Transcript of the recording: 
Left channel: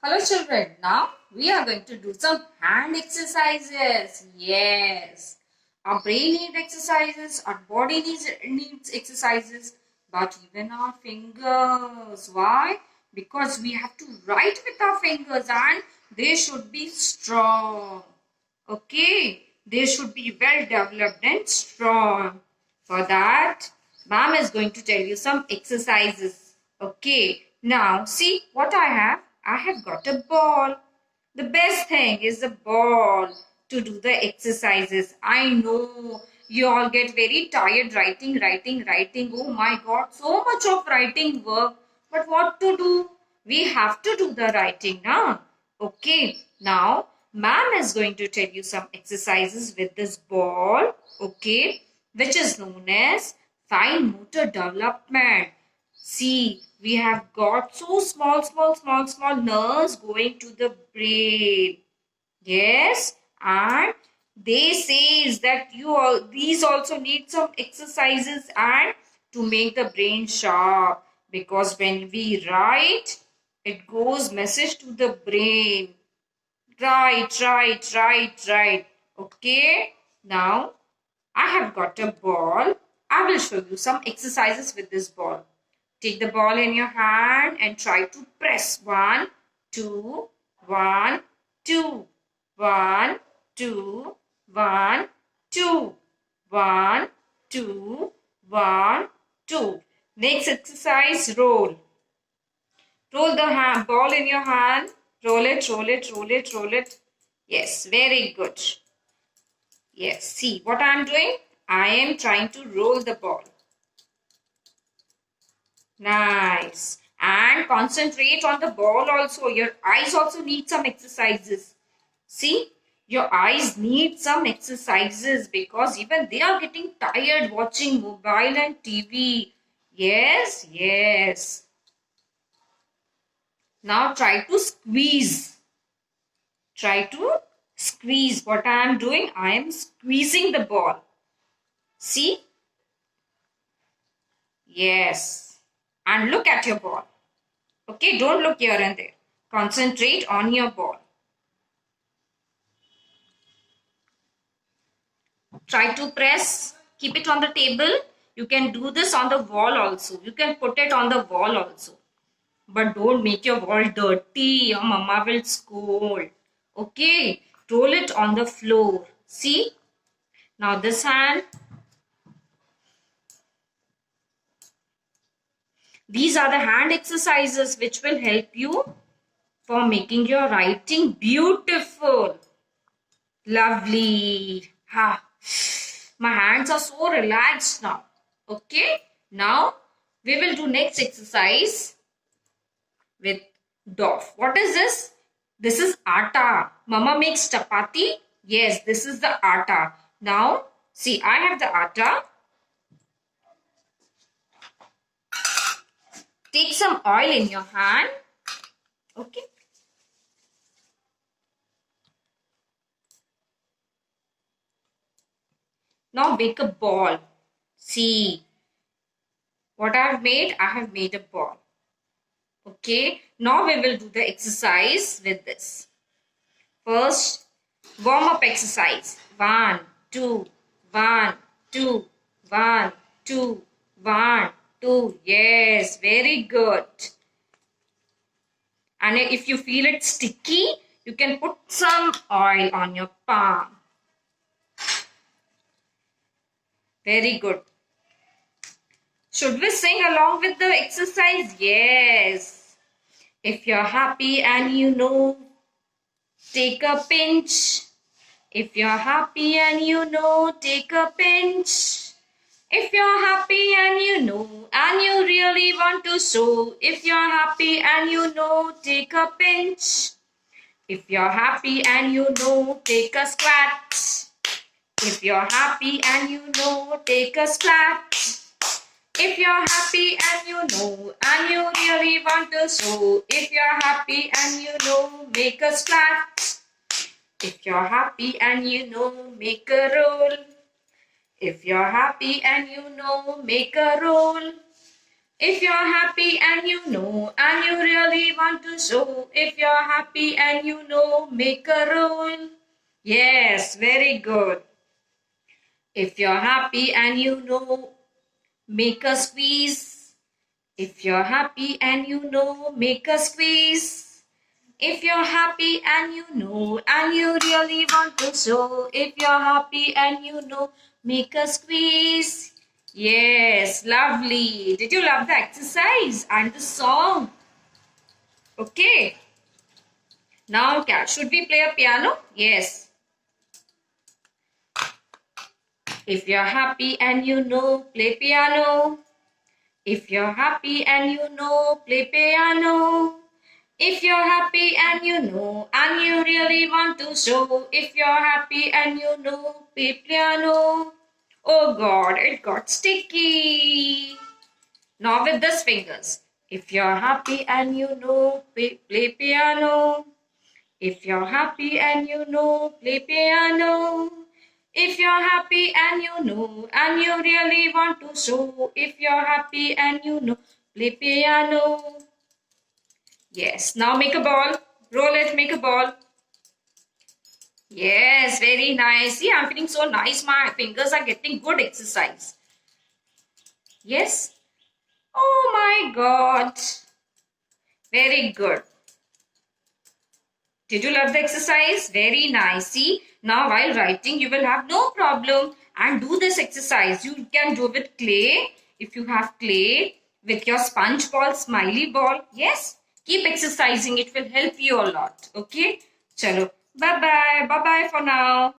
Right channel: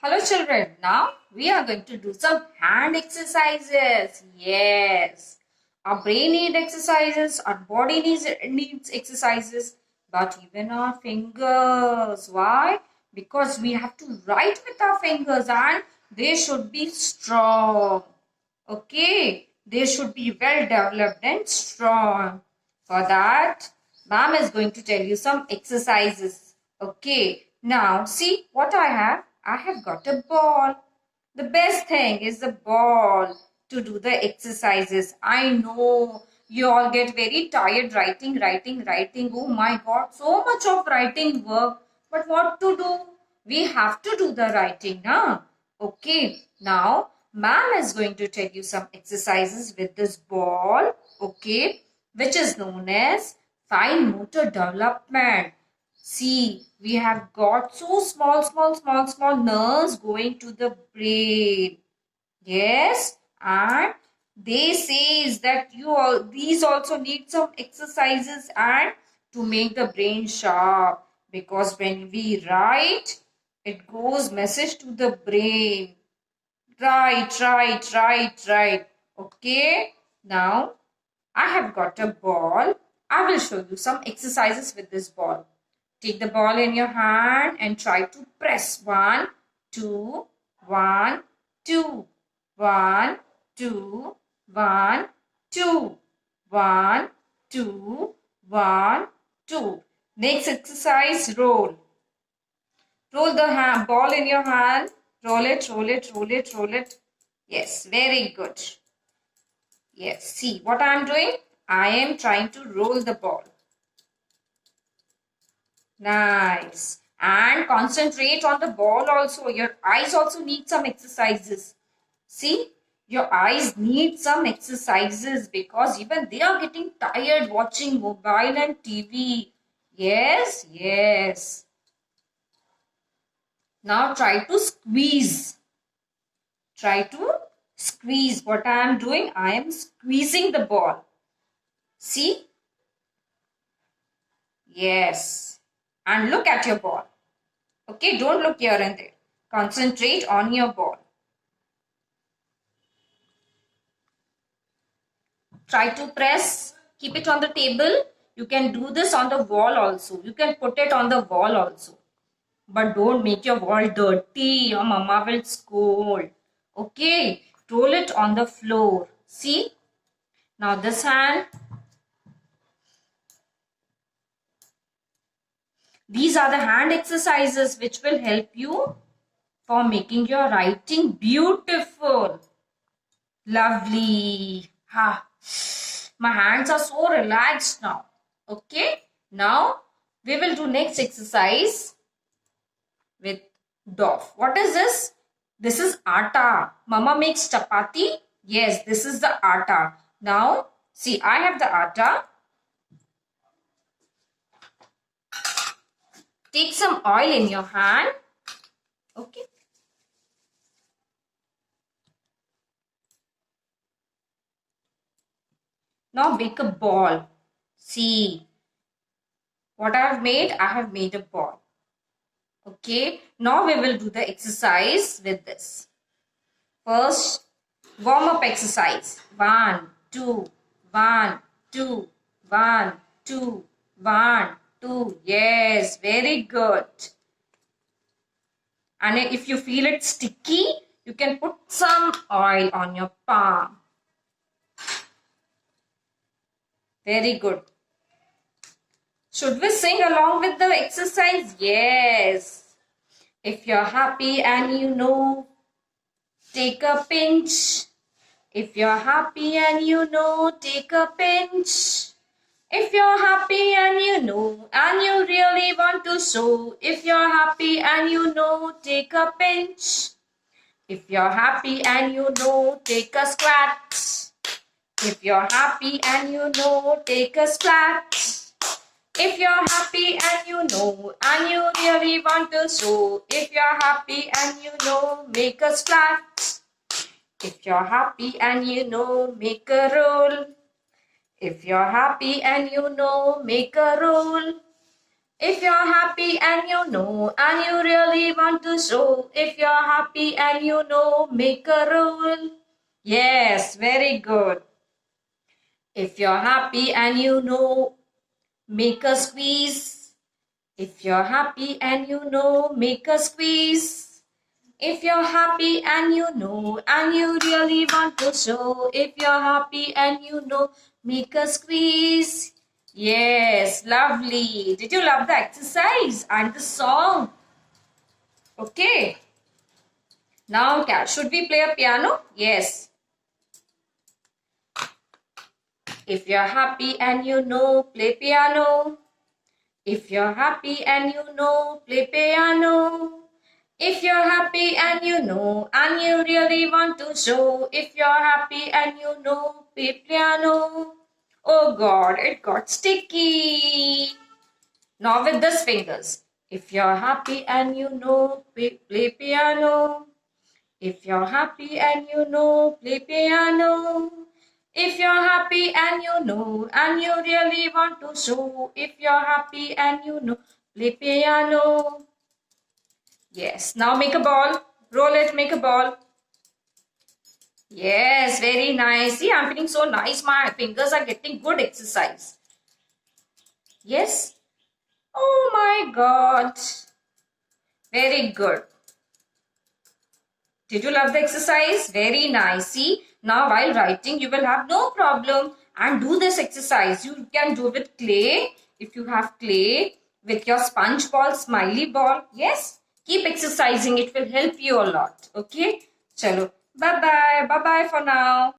Hello children, now we are going to do some hand exercises. Yes, our brain needs exercises, our body needs exercises, but even our fingers. Why? Because we have to write with our fingers and they should be strong. Okay, they should be well developed and strong. For that, ma'am is going to tell you some exercises. Okay, now see what I have. I have got a ball. The best thing is the ball to do the exercises. I know you all get very tired writing. Oh my God, so much of writing work. But what to do? We have to do the writing now. Okay, now ma'am is going to tell you some exercises with this ball. Okay, which is known as fine motor development. See, we have got so small nerves going to the brain. Yes, and they says that these also need some exercises and to make the brain sharp, because when we write, it goes message to the brain. Right. Okay, now I have got a ball. I will show you some exercises with this ball. Take the ball in your hand and try to press. 1, 2, 1, 2, 1, 2, 1, 2, 1, 2, 1, 2. Next exercise, roll. Roll the ball in your hand. Roll it. Yes, very good. Yes, see what I am doing? I am trying to roll the ball. Nice. And concentrate on the ball also. Your eyes also need some exercises. See, your eyes need some exercises because even they are getting tired watching mobile and TV. Yes. Now try to squeeze. Try to squeeze. What I am doing? I am squeezing the ball. See? Yes. And look at your ball. Okay, don't look here and there. Concentrate on your ball. Try to press. Keep it on the table. You can do this on the wall also. You can put it on the wall also. But don't make your wall dirty. Your mama will scold. Okay, roll it on the floor. See? Now this hand. These are the hand exercises which will help you for making your writing beautiful. Lovely. Ha. My hands are so relaxed now. Okay. Now we will do next exercise with dough. What is this? This is atta. Mama makes chapati. Yes, this is the atta. Now see, I have the atta. Take some oil in your hand. Okay. Now make a ball. See what I have made? I have made a ball. Okay. Now we will do the exercise with this. First, warm up exercise. 1, 2, 1, 2, 1, 2, 1, 2. Yes, very good. And if you feel it sticky, you can put some oil on your palm. Very good. Should we sing along with the exercise? Yes. If you're happy and you know, take a pinch. If you're happy and you know, take a pinch. If you're happy and you know, and you really want to show, if you're happy and you know, take a pinch. If you're happy and you know, take a squat. If you're happy and you know, take a splat. If you're happy and you know, and you really want to show, if you're happy and you know, make a splat. If you're happy and you know, make a roll. If you're happy and you know, make a roll. If you're happy and you know, and you really want to show, if you're happy and you know, make a rule. Yes, very good. If you're happy and you know, make a squeeze. If you're happy and you know, make a squeeze. If you're happy and you know, and you really want to show, if you're happy and you know, make a squeeze. Yes, lovely. Did you love the exercise and the song? Okay. Now, should we play a piano? Yes. If you're happy and you know, play piano. If you're happy and you know, play piano. If you're happy and you know, and you really want to show, if you're happy and you know, play piano. Oh God, it got sticky. Now with these fingers. If you're happy and you know, play piano. If you're happy and you know, play piano. If you're happy and you know, and you really want to show, if you're happy and you know, play piano. Yes, now make a ball. Roll it, make a ball. Yes, very nice. See, I'm feeling so nice. My fingers are getting good exercise. Yes. Oh my God. Very good. Did you love the exercise? Very nice. See, now while writing, you will have no problem and do this exercise. You can do with clay. If you have clay, with your sponge ball, smiley ball. Yes, keep exercising. It will help you a lot. Okay. Chalo. Bye-bye. Bye-bye for now.